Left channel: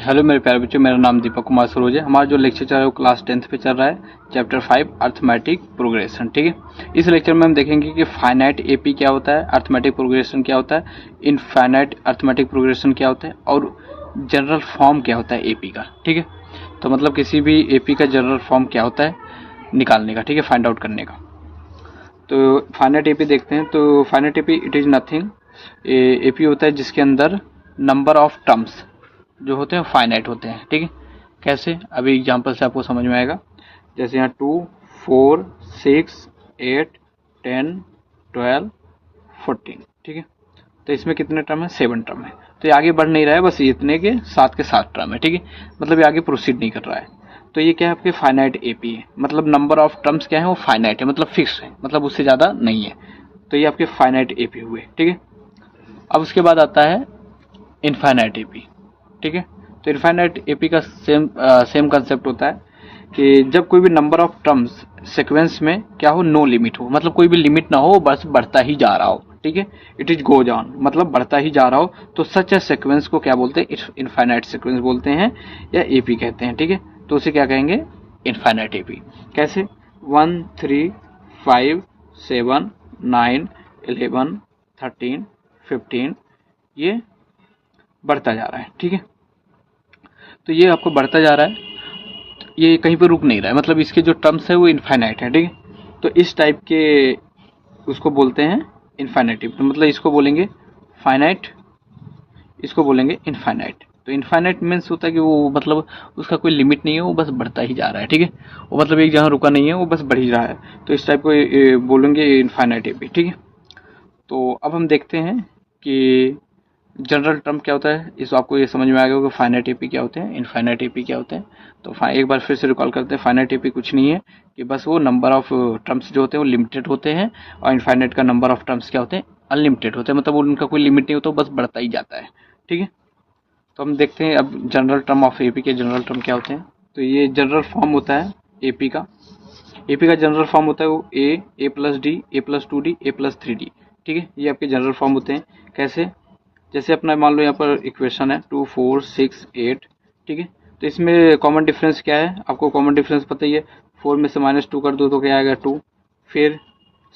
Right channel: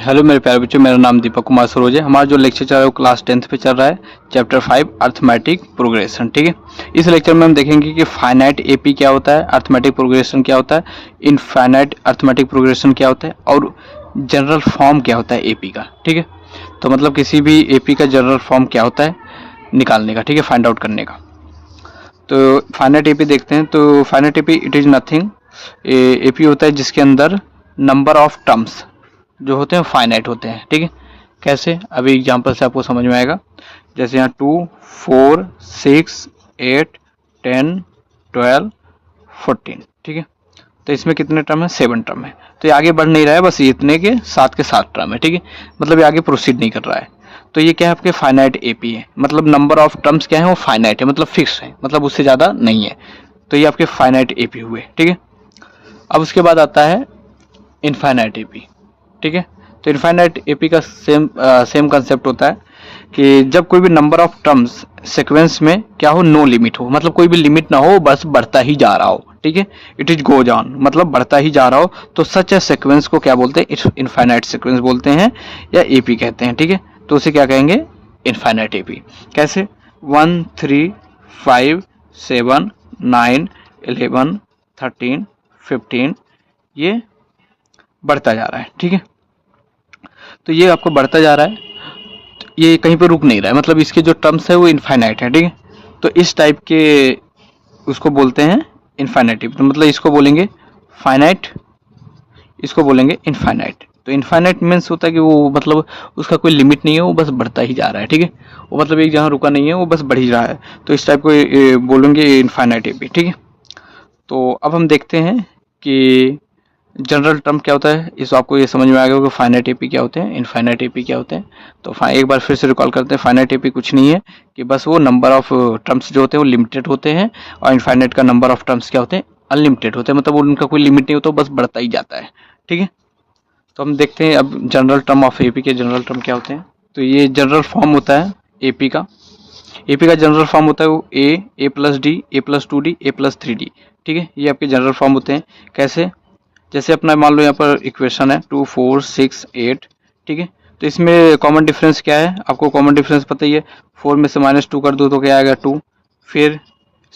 Hello मेरे प्यारे बच्चों, मेरा नाम दीपक कुमार सरोज है। हमारा जो लेक्चर चल रहा है वो क्लास 10th पे चल रहा है, चैप्टर 5 अर्थमेटिक प्रोग्रेशन। ठीक है, इस लेक्चर में हम देखेंगे कि फाइनाइट एपी क्या होता है, अर्थमेटिक प्रोग्रेशन क्या होता है, इनफाइनाइट अर्थमेटिक प्रोग्रेशन क्या होता है और जनरल फॉर्म क्या होता है एपी का। ठीक है, तो मतलब किसी भी एपी का जनरल फॉर्म क्या होता है निकालने का, ठीक है, फाइंड आउट करने का। तो फाइनाइट एपी देखते हैं। तो finite AP it is nothing, AP होता है जिसके अंदर नंबर ऑफ टर्म्स जो होते हैं फाइनाइट होते हैं। ठीक है, कैसे, अभी एग्जांपल से आपको समझ में आएगा। जैसे यहाँ 2, 4, 6, 8, 10, 12, 14। ठीक है, तो इसमें कितने टर्म है? 7 टर्म है। तो ये आगे बढ़ नहीं रहा है, बस इतने के 7 टर्म है। ठीक है, मतलब ये आगे प्रोसीड नहीं कर रहा है। तो ये क्या है? आपके फाइनाइट एपी है, मतलब नंबर ऑफ टर्म्स क्या है? वो फाइनाइट है, मतलब फिक्स है, मतलब उससे ज़्यादा नहीं है। तो ये आपके फाइनाइट एपी हुए। ठीक है, अब उसके बाद आता है इनफाइनाइट एपी। ठीक है, तो इनफाइनाइट एपी का सेम कंसेप्ट होता है कि जब कोई भी नंबर ऑफ टर्म्स सीक्वेंस में क्या हो, नो लिमिट हो, मतलब कोई भी लिमिट ना हो, बस बढ़ता ही जा रहा हो। ठीक है, इट इज गोज ऑन, मतलब बढ़ता ही जा रहा हो, तो सच ए सीक्वेंस को क्या बोलते हैं? इनफाइनाइट सीक्वेंस बोलते हैं या एपी कहते हैं। ठीक है, तो उसे क्या कहेंगे? Infinite AP. कैसे? 1, 3, 5, 7, 9, 11, 13, 15, ये बढ़ता जा रहा है। ठीक है, तो ये आपको बढ़ता जा रहा है, ये कहीं पे रुक नहीं रहा है, मतलब इसके जो टर्म्स है वो इनफाइनाइट है। ठीक है, तो इस टाइप के उसको बोलते हैं इनफाइनाइटिव। तो मतलब इसको बोलेंगे फाइनाइट, इसको बोलेंगे इनफाइनाइट। तो इनफाइनाइट मीन्स होता है कि वो मतलब उसका कोई लिमिट नहीं है, वो बस बढ़ता ही जा रहा है। ठीक है, वो मतलब एक जहाँ रुका नहीं है, वो बस बढ़ ही रहा है, तो इस टाइप को बोलेंगे इनफाइनाइट भी। ठीक है, तो अब हम देखते हैं कि जनरल टर्म क्या होता है। इस आपको ये समझ में आ गया होगा फाइनाइट एपी क्या होते हैं, इनफाइनाइट एपी क्या होते हैं। तो एक बार फिर से रिकॉल करते हैं। फाइनाइट एपी कुछ नहीं है कि बस वो नंबर ऑफ टर्म्स जो होते हैं वो लिमिटेड होते हैं, और इनफाइनाइट का नंबर ऑफ टर्म्स क्या होते हैं? अनलिमिटेड होते हैं, मतलब उनका कोई लिमिट नहीं होता, बस बढ़ता ही जाता है। ठीक है, तो हम देखते हैं अब जनरल टर्म ऑफ एपी के जनरल टर्म क्या होते हैं। तो ये जनरल फॉर्म होता है एपी का। एपी का जनरल फॉर्म होता है वो ए प्लस डी, ए प्लस 2D, ए प्लस 3D। ठीक है, ये आपके जनरल फॉर्म होते हैं। कैसे? जैसे अपना मान लो यहाँ पर इक्वेशन है 2, 4, 6, 8। ठीक है, तो इसमें कॉमन डिफरेंस क्या है? आपको कॉमन डिफरेंस पता ही है। 4 में से -2 कर दो तो क्या आएगा? 2। फिर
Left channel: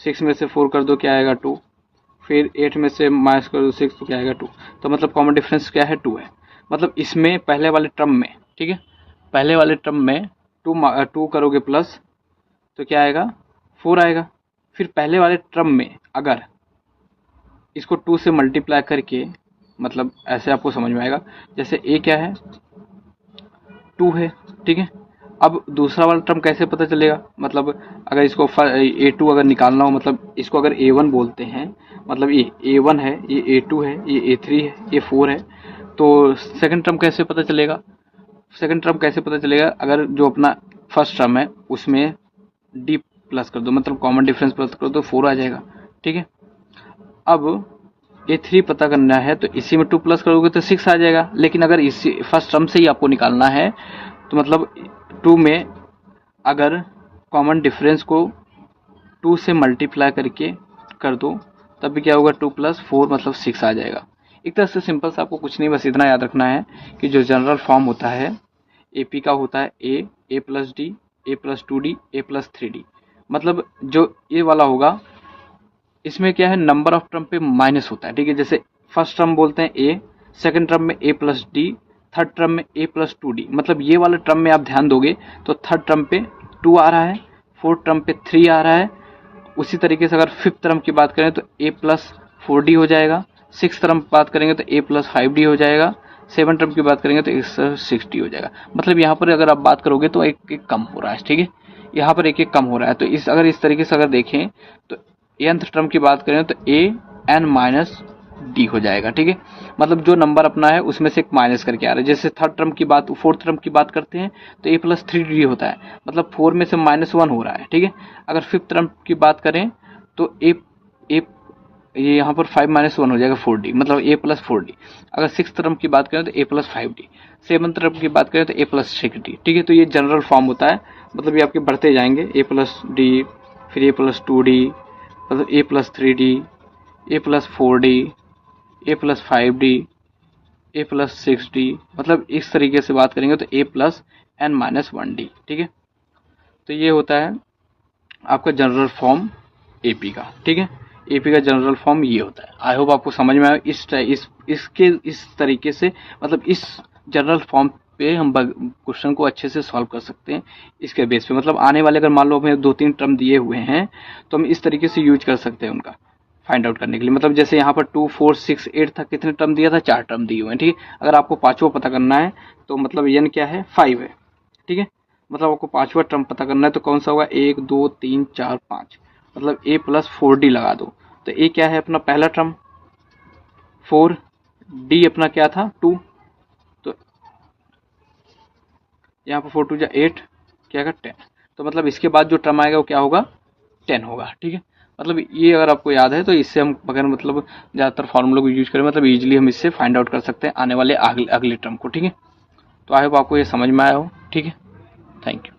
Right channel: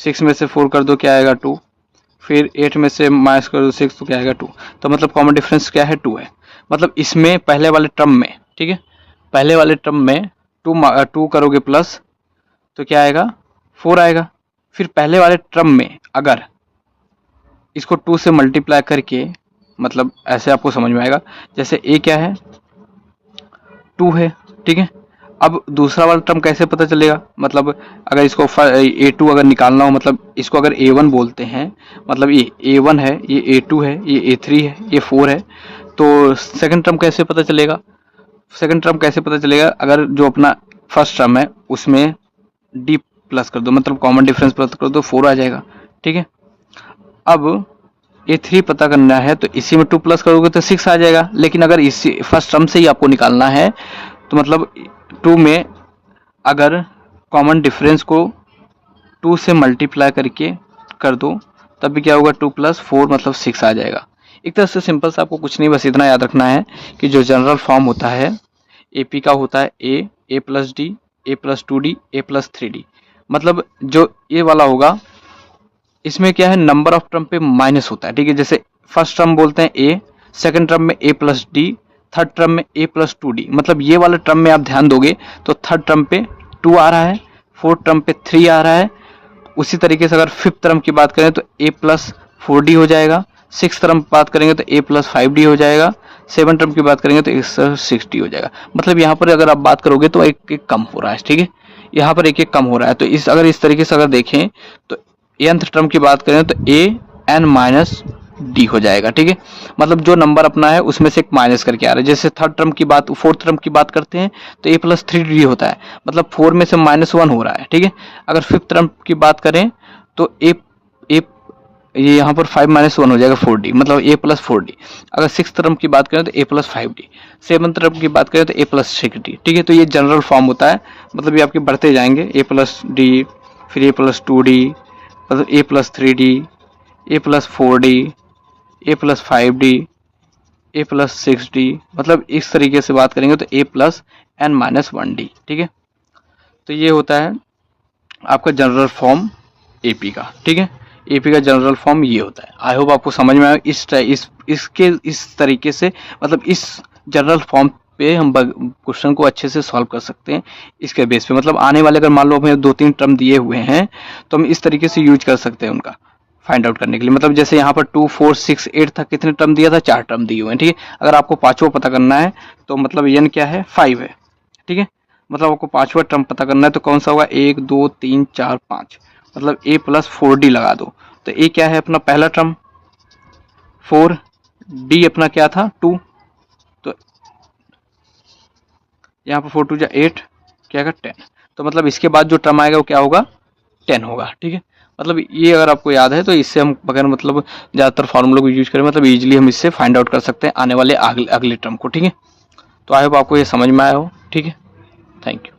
6 में से 4 कर दो, क्या आएगा? 2। फिर 8 में से माइनस कर दो 6 तो क्या आएगा? 2। तो मतलब कॉमन डिफरेंस क्या है? 2 है। मतलब इसमें पहले वाले टर्म में, ठीक है, पहले वाले टर्म में 2 करोगे प्लस तो क्या आएगा? 4 आएगा। फिर पहले वाले टर्म में अगर इसको 2 से मल्टीप्लाई करके, मतलब ऐसे आपको समझ में आएगा। जैसे ए क्या है? 2 है। ठीक है, अब दूसरा वाला टर्म कैसे पता चलेगा? मतलब अगर इसको A2 अगर निकालना हो, मतलब इसको अगर A1 बोलते हैं, मतलब ये A1 है, ये A2 है, ये A3 है, ये 4 है, तो सेकंड टर्म कैसे पता चलेगा? सेकंड टर्म कैसे पता चलेगा? अगर जो अपना फर्स्ट टर्म है उसमें D प्लस कर दो, मतलब कॉमन डिफरेंस प्लस कर दो, 4 आ जाएगा। ठीक है, अब A3 पता करना है तो इसी में 2 प्लस करोगे तो 6 आ जाएगा। लेकिन अगर इसी फर्स्ट टर्म से ही आपको निकालना है तो मतलब 2 में अगर कॉमन डिफरेंस को 2 से मल्टीप्लाई करके कर दो, तब भी क्या होगा? 2 प्लस 4 मतलब 6 आ जाएगा। एक तरह से सिंपल सा, आपको कुछ नहीं, बस इतना याद रखना है कि जो जनरल फॉर्म होता है एपी का होता है ए प्लस डी, ए प्लस 2D, ए प्लस 3D। मतलब जो ये वाला होगा इसमें क्या है? नंबर ऑफ टर्म पे माइनस होता है। ठीक है, जैसे फर्स्ट टर्म बोलते हैं ए, सेकंड टर्म में ए प्लस डी, थर्ड टर्म में ए प्लस 2D। मतलब ये वाले टर्म में आप ध्यान दोगे तो थर्ड टर्म पे 2 आ रहा है, फोर्थ टर्म पे 3 आ रहा है। उसी तरीके से अगर फिफ्थ टर्म की बात करें तो ए प्लस 4D हो जाएगा, सिक्स टर्म की बात करेंगे तो ए प्लस 5D हो जाएगा, सेवन टर्म की बात करेंगे तो 6D हो जाएगा। मतलब यहाँ पर अगर आप बात करोगे तो एक एक कम हो रहा है। ठीक है, यहाँ पर एक एक कम हो रहा है। तो अगर इस तरीके से अगर देखें तो nth टर्म की बात करें तो ए एन माइनस डी हो जाएगा। ठीक है, मतलब जो नंबर अपना है उसमें से एक माइनस करके आ रहा है। जैसे थर्ड टर्म की बात, फोर्थ टर्म की बात करते हैं तो ए प्लस 3D होता है, मतलब 4 में से -1 हो रहा है। ठीक है, अगर फिफ्थ टर्म की बात करें तो ए ये यहाँ पर 5 - 1 हो जाएगा 4D, मतलब ए प्लस 4D। अगर सिक्स टर्म की बात करें तो ए प्लस 5D, सेवन टर्म की बात करें तो ए प्लस 6D। ठीक है, तो ये जनरल फॉर्म होता है, मतलब ये आपके बढ़ते जाएंगे ए प्लस डी, फिर ए प्लस 2D, मतलब ए प्लस 3D, ए प्लस 4D, ए प्लस 5D, ए प्लस 6d, मतलब इस तरीके से बात करेंगे तो ए प्लस एन माइनस 1d। ठीक है, तो ये होता है आपका जनरल फॉर्म एपी का। ठीक है, एपी का जनरल फॉर्म ये होता है। आई होप आपको समझ में आया। इस तरीके से, मतलब इस जनरल फॉर्म पे हम क्वेश्चन को अच्छे से सॉल्व कर सकते हैं। इसके बेस पे मतलब आने वाले, अगर मान लो हमें 2-3 टर्म दिए हुए हैं तो हम इस तरीके से यूज कर सकते हैं उनका फाइंड आउट करने के लिए। मतलब जैसे यहाँ पर 2, 4, 6, 8 था, कितने टर्म दिया था, 4 टर्म दिए हुए हैं। ठीक है, अगर आपको पांचवा पता करना है तो मतलब एन क्या है, 5 है। ठीक है, मतलब आपको पांचवा टर्म पता करना है तो कौन सा होगा, 1, 2, 3, 4, 5, मतलब ए प्लस 4d लगा दो। तो ए क्या है अपना पहला टर्म 4, डी अपना क्या था 2, तो यहाँ पर 4 2 जा 8, क्या आएगा 10। तो मतलब इसके बाद जो टर्म आएगा वो क्या होगा, 10 होगा। ठीक है, मतलब ये अगर आपको याद है तो इससे हम अगर मतलब ज़्यादातर फार्मूला को यूज करें मतलब इजीली हम इससे फाइंड आउट कर सकते हैं आने वाले अगले टर्म को। ठीक है, तो आई होप आपको ये समझ में आया हो। ठीक है, थैंक यू।